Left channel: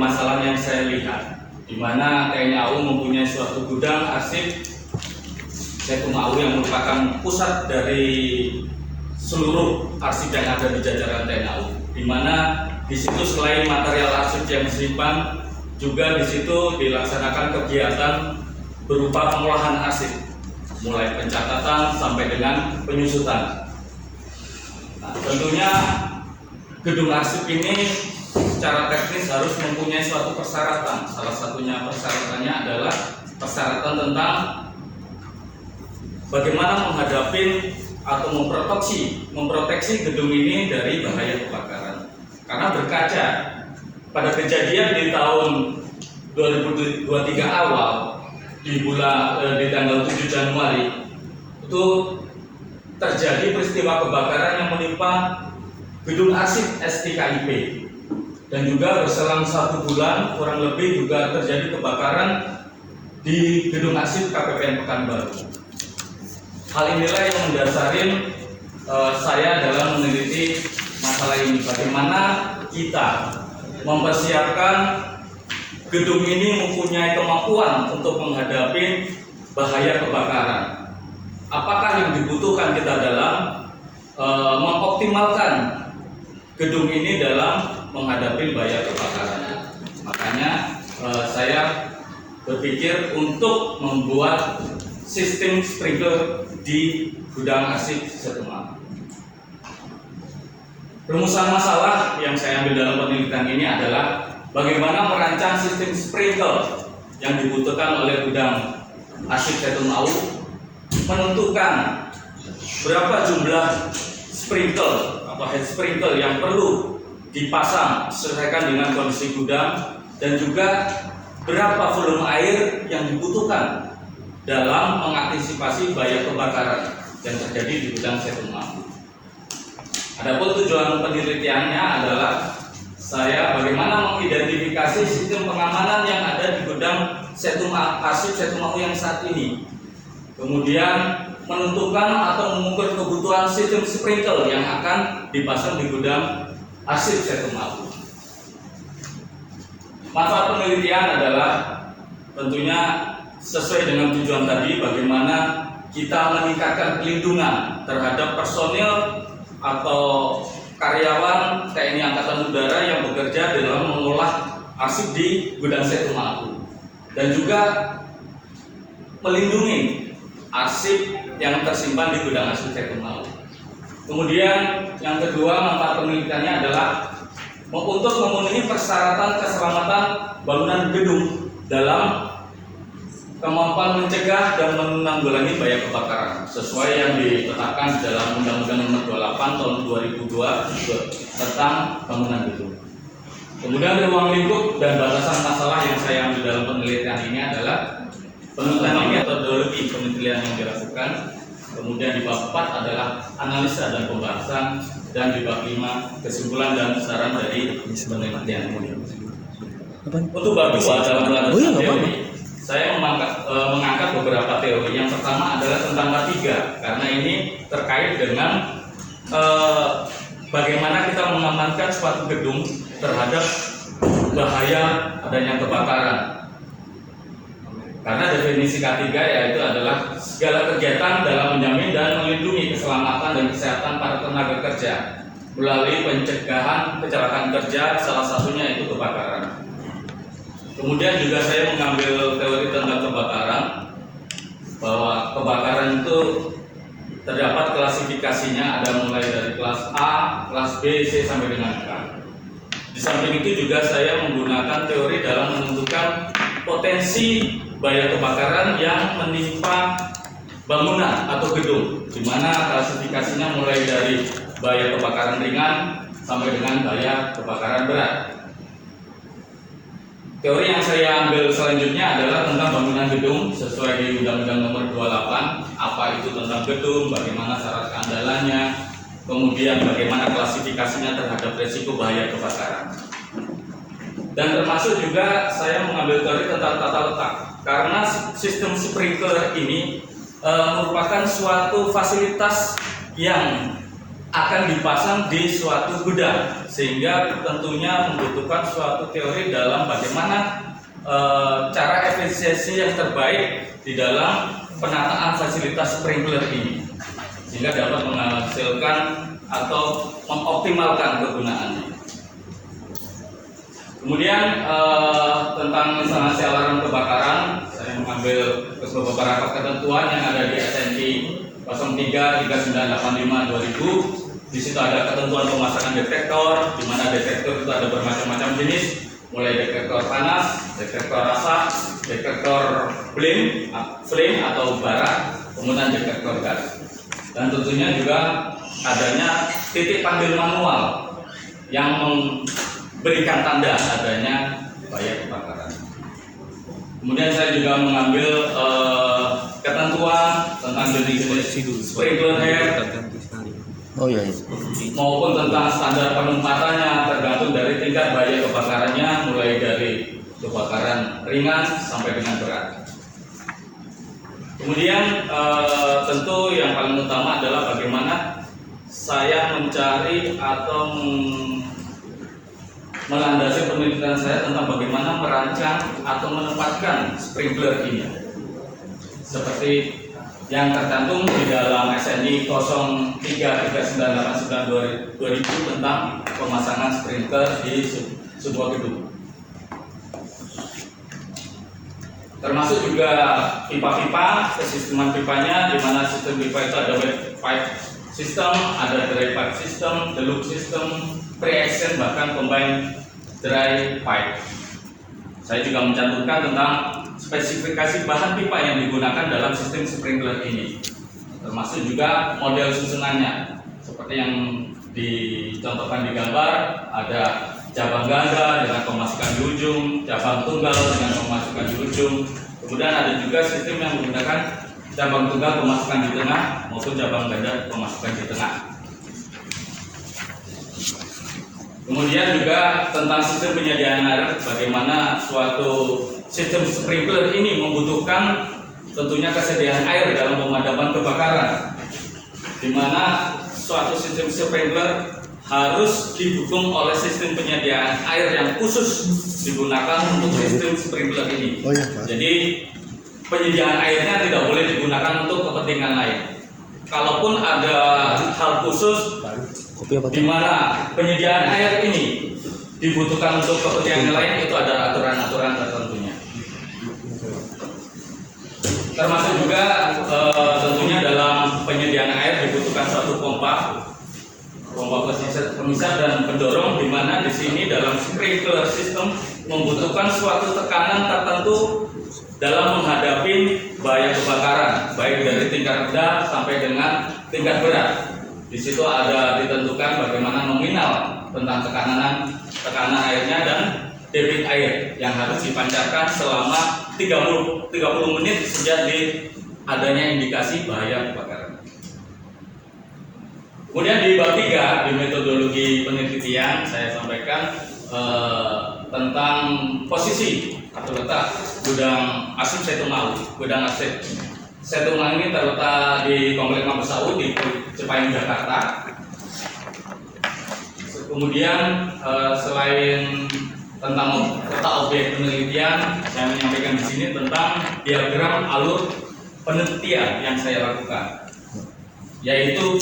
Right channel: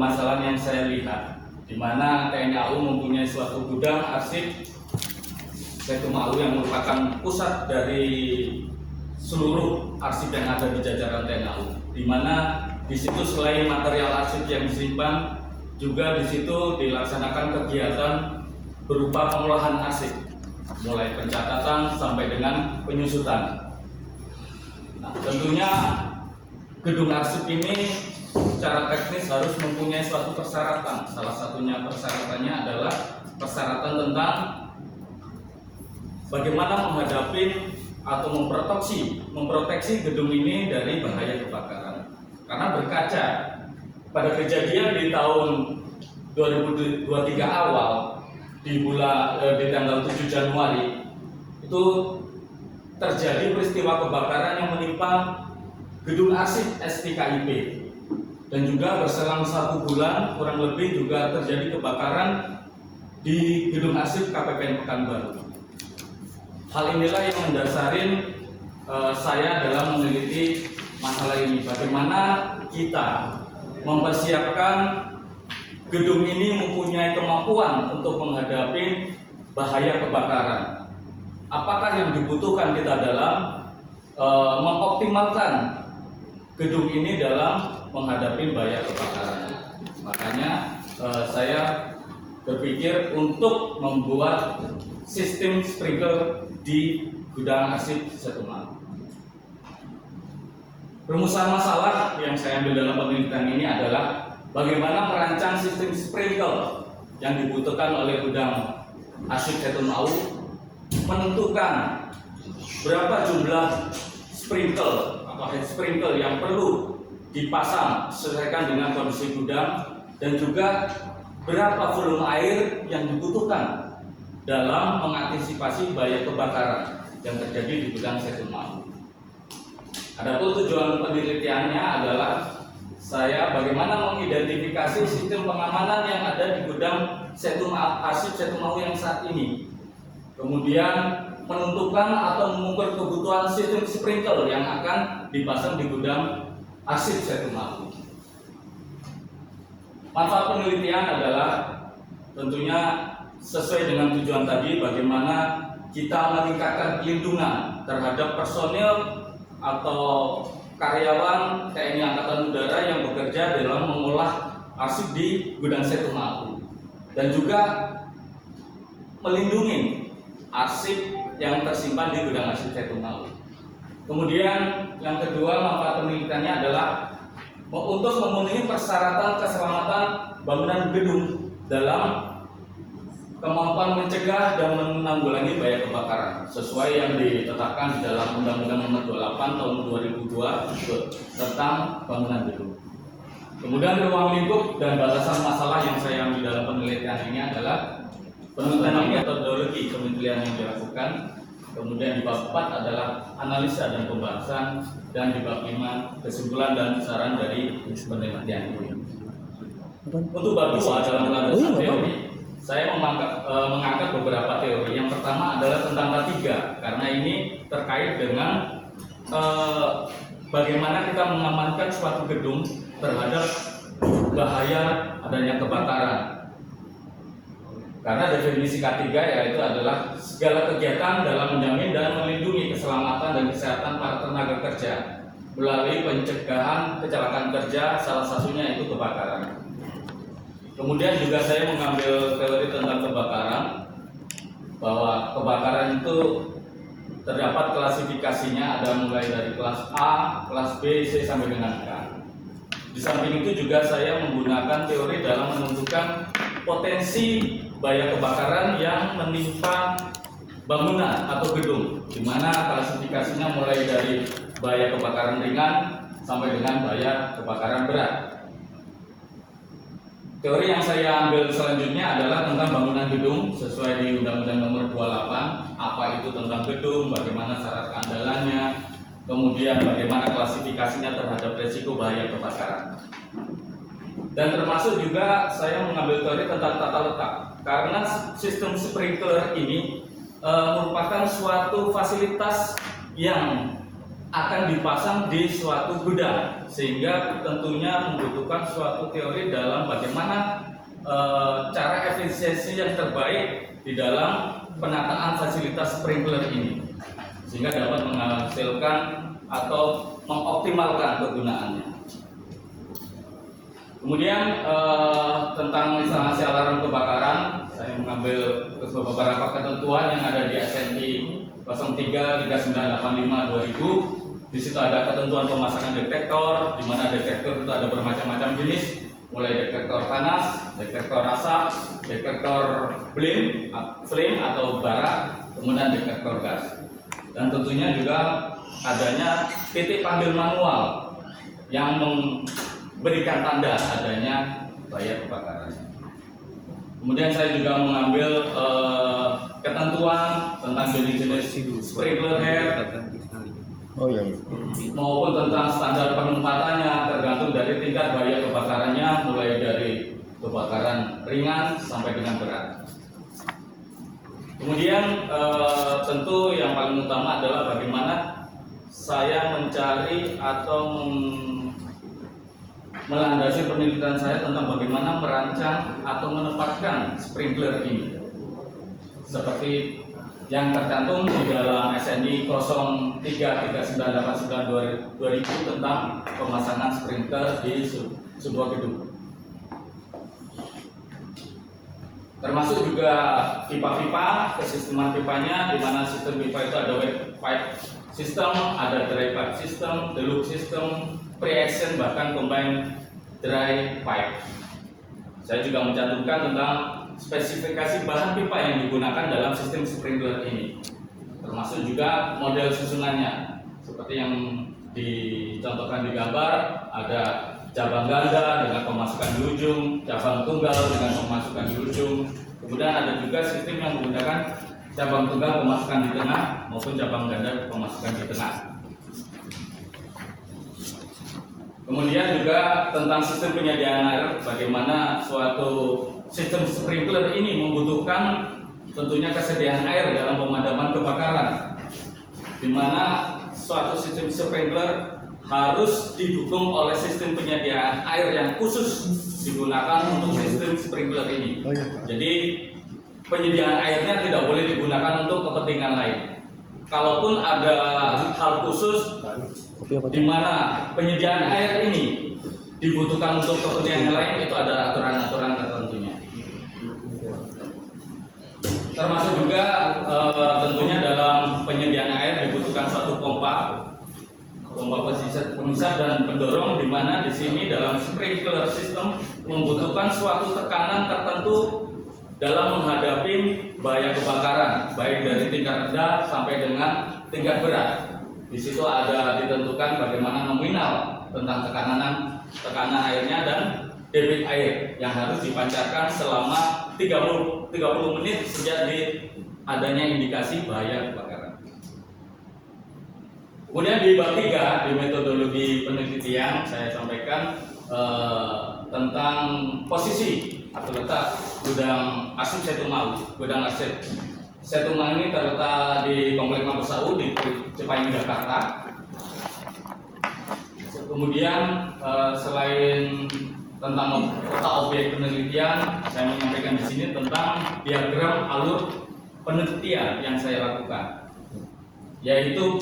permasalahan yang saya lihat, di mana TNI AU mempunyai suatu gudang arsip Setum AU yang merupakan pusat dari seluruh arsip yang ada di jajaran TNI AU, di mana di situ selain material arsip yang disimpan, juga di situ dilaksanakan kegiatan berupa pengolahan arsip, mulai pencatatan sampai dengan penyusutan. Nah, tentunya gedung arsip ini secara teknis harus mempunyai suatu persyaratan. Salah satunya persyaratannya adalah persyaratan tentang bagaimana menghadapi atau memproteksi gedung ini dari bahaya kebakaran. Karena berkaca pada kejadian di tahun 2023 awal di tanggal 7 Januari itu terjadi peristiwa kebakaran yang menimpa gedung arsip STKIP, dan juga berselang 1 bulan kurang lebih juga terjadi kebakaran di gedung arsip KPPN Pekanbaru. Hal inilah yang mendasari saya dalam meneliti masalah ini, bagaimana kita mempersiapkan gedung ini mempunyai kemampuan untuk menghadapi bahaya kebakaran. Apakah yang dibutuhkan kita dalam mengoptimalkan gedung ini dalam menghadapi bahaya kebakaran. Makanya saya berpikir untuk membuat sistem sprinkler di gudang arsip Setum AU. Rumusan masalah yang saya ambil dalam penelitian ini adalah bagaimana merancang sistem sprinkler yang dibutuhkan oleh gudang arsip Setum AU, menentukan berapa jumlah sprinkler atau head sprinkler yang perlu dipasang sesuaikan dengan kondisi gudang, dan juga berapa volume air yang dibutuhkan dalam mengantisipasi bahaya kebakaran yang terjadi di gudang Setum AU. Adapun tujuan penelitiannya adalah saya bagaimana mengidentifikasi sistem pengamanan yang ada di gudang arsip Setum AU yang saat ini. Kemudian menentukan atau mengukur kebutuhan sistem sprinkler yang akan dipasang di gudang arsip Setum AU. Manfaat penelitian adalah tentunya sesuai dengan tujuan tadi, bagaimana kita meningkatkan pelindungan terhadap personil atau karyawan TNI Angkatan Udara yang bekerja dalam mengolah arsip di gudang Setum AU, dan juga melindungi arsip yang tersimpan di gudang arsip Setum AU. Kemudian yang kedua, manfaat penelitiannya adalah untuk memenuhi persyaratan keselamatan bangunan gedung dalam kemampuan mencegah dan menanggulangi bahaya kebakaran sesuai yang ditetapkan di dalam Undang-Undang Nomor 28 Tahun 2002 tentang bangunan gedung. Kemudian ruang lingkup dan batasan masalah yang saya ambil dalam penelitian ini adalah penelitian ini metodologi penelitian yang dilakukan. Kemudian di bab 4 adalah analisa dan pembahasan, dan di bab 5 kesimpulan dan saran dari penelitian ini. Untuk bab 2 dalam pelajaran teori, saya mengangkat beberapa teori. Yang pertama adalah tentang K3, karena ini terkait dengan bagaimana kita mengamankan suatu gedung terhadap bahaya adanya kebakaran. Karena definisi K3 yaitu adalah segala kegiatan dalam menjamin dan melindungi keselamatan dan kesehatan para tenaga kerja melalui pencegahan kecelakaan kerja, salah satunya itu kebakaran. Kemudian juga saya mengambil teori tentang kebakaran, bahwa kebakaran itu terdapat klasifikasinya, ada mulai dari kelas A, kelas B, C sampai dengan K. Di samping itu juga saya menggunakan teori dalam menentukan potensi bahaya kebakaran yang menimpa bangunan atau gedung, di mana klasifikasinya mulai dari bahaya kebakaran ringan sampai dengan bahaya kebakaran berat. Teori yang saya ambil selanjutnya adalah tentang bangunan gedung sesuai di Undang-Undang Nomor 28, apa itu tentang gedung, bagaimana syarat keandalannya, kemudian bagaimana klasifikasinya terhadap risiko bahaya kebakaran. Dan termasuk juga saya mengambil teori tentang tata letak, karena sistem sprinkler ini merupakan suatu fasilitas yang akan dipasang di suatu gudang, sehingga tentunya membutuhkan suatu teori dalam bagaimana cara efisiensi yang terbaik di dalam penataan fasilitas sprinkler ini, sehingga dapat menghasilkan atau mengoptimalkan kegunaannya. Kemudian tentang instalasi alarm kebakaran, saya mengambil beberapa ketentuan yang ada di SNI 033985/2000. Di situ ada ketentuan pemasangan detektor, di mana detektor itu ada bermacam-macam jenis, mulai detektor panas, detektor asap, detektor flame atau bara, kemudian detektor gas. Dan tentunya juga adanya titik panggil manual yang memberikan tanda adanya bahaya kebakaran. Kemudian saya juga mengambil ketentuan tentang jenis sprinkler head maupun tentang standar penempatannya tergantung dari tingkat bahaya kebakarannya, mulai dari kebakaran ringan sampai dengan berat. Kemudian tentu yang paling utama adalah bagaimana saya mencari atau melandasi penelitian saya tentang bagaimana merancang atau menempatkan sprinkler ini, seperti yang tercantum di dalam SNI 033989/2000 tentang pemasangan sprinkler di sebuah gedung. Termasuk juga pipa-pipa, kesisteman pipanya, di mana sistem pipa itu ada wet pipe system, ada dry pipe system, deluxe system, pre-action, bahkan combined dry pipe. Saya juga mencantumkan tentang spesifikasi bahan pipa yang digunakan dalam sistem sprinkler ini, termasuk juga model susunannya, seperti yang dicontohkan di gambar. Ada cabang ganda dengan pemasukan di ujung, cabang tunggal dengan pemasukan di ujung. Kemudian ada juga sistem yang menggunakan cabang tunggal pemasukan di tengah maupun cabang ganda pemasukan di tengah. Kemudian juga tentang sistem penyediaan air, bagaimana suatu sistem sprinkler ini membutuhkan tentunya kesediaan air dalam pemadaman kebakaran, di mana suatu sistem sprinkler harus didukung oleh sistem penyediaan air yang khusus digunakan untuk sistem sprinkler ini. Jadi penyediaan airnya tidak boleh digunakan untuk kepentingan lain. Kalaupun ada hal khusus di mana penyediaan air ini dibutuhkan untuk kepentingan lain, itu ada aturan-aturan tertentunya. Termasuk juga tentunya dalam penyediaan air dibutuhkan satu pompa pemisah dan pendorong, di mana di sini dalam sprinkler system membutuhkan suatu tekanan tertentu dalam menghadapi bahaya kebakaran, baik dari tingkat rendah sampai dengan tingkat berat. Di situ ada ditentukan bagaimana nominal tentang tekanan airnya dan debit air yang harus dipancarkan selama 30 menit sejak adanya indikasi bahaya kebakaran. Kemudian di bab 3 di metodologi penelitian saya sampaikan tentang posisi atau letak gudang arsip Setumau. Gudang arsip Setumau ini terletak di Komplek Mabes AU di Cipayung, Jakarta. Kemudian selain tentang letak objek penelitian, saya menyampaikan di sini tentang diagram alur penelitian yang saya lakukan, yaitu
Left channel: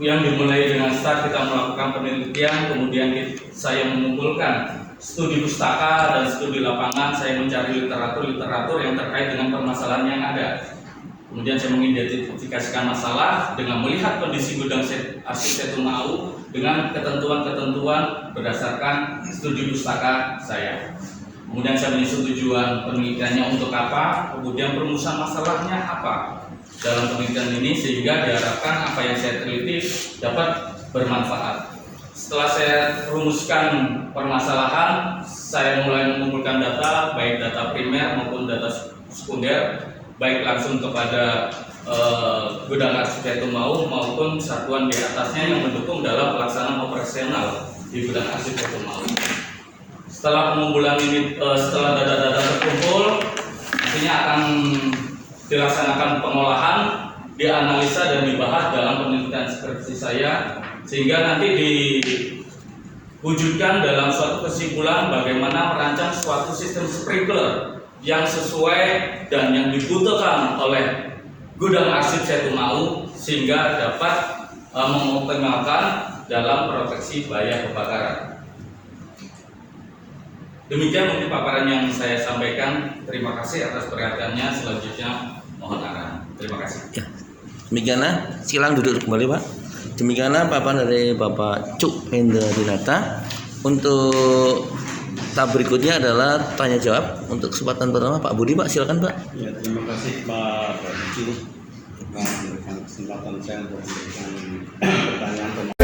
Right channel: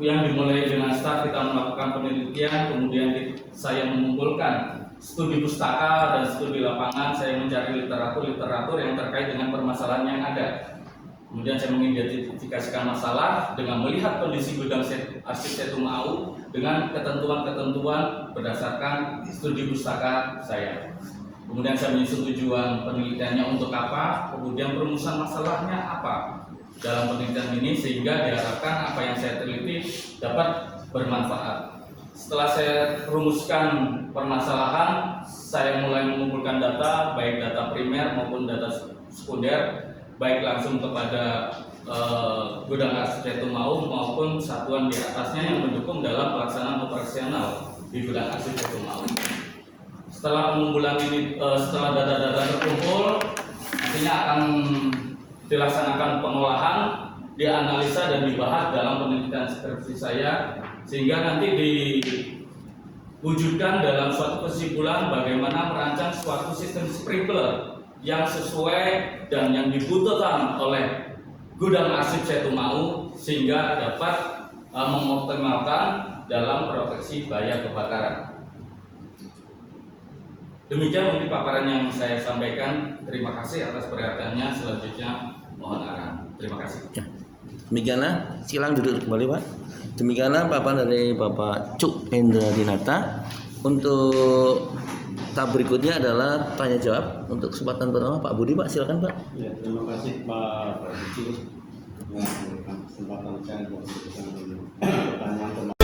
yang dimulai dengan start kita melakukan penelitian, kemudian saya mengumpulkan studi pustaka dan studi lapangan, saya mencari literatur yang terkait dengan permasalahan yang ada. Kemudian saya mengidentifikasikan masalah dengan melihat kondisi gudang arsip Setumau dengan ketentuan-ketentuan berdasarkan studi pustaka saya. Kemudian saya menyusun tujuan penelitiannya untuk apa, kemudian perumusan masalahnya apa dalam penelitian ini, sehingga diharapkan apa yang saya teliti dapat bermanfaat. Setelah saya rumuskan permasalahan, saya mulai mengumpulkan data, baik data primer maupun data sekunder, baik langsung kepada gudang arsip Setumau maupun satuan di atasnya yang mendukung dalam pelaksanaan operasional di gudang arsip Setumau. Setelah pengumpulan ini, setelah data-data terkumpul, nantinya akan dilaksanakan pengolahan, dianalisa dan dibahas dalam penelitian skripsi saya, sehingga nanti di wujudkan dalam suatu kesimpulan bagaimana merancang suatu sistem sprinkler yang sesuai dan yang dibutuhkan oleh gudang arsip Setumau sehingga dapat mengoptimalkan dalam proteksi bahaya kebakaran. Demikian untuk paparan yang saya sampaikan. Terima kasih atas perhatiannya. Selanjutnya mohon arahan. Terima kasih. Ya. Demikianlah, silakan duduk kembali Pak. Demikianlah paparan dari Bapak Cuk Hendra Dinata. Untuk tahap berikutnya adalah tanya jawab. Untuk kesempatan pertama Pak Budi, Pak silakan Pak. Ya, terima kasih Pak Budi memberikan kesempatan saya untuk memberikan pertanyaan.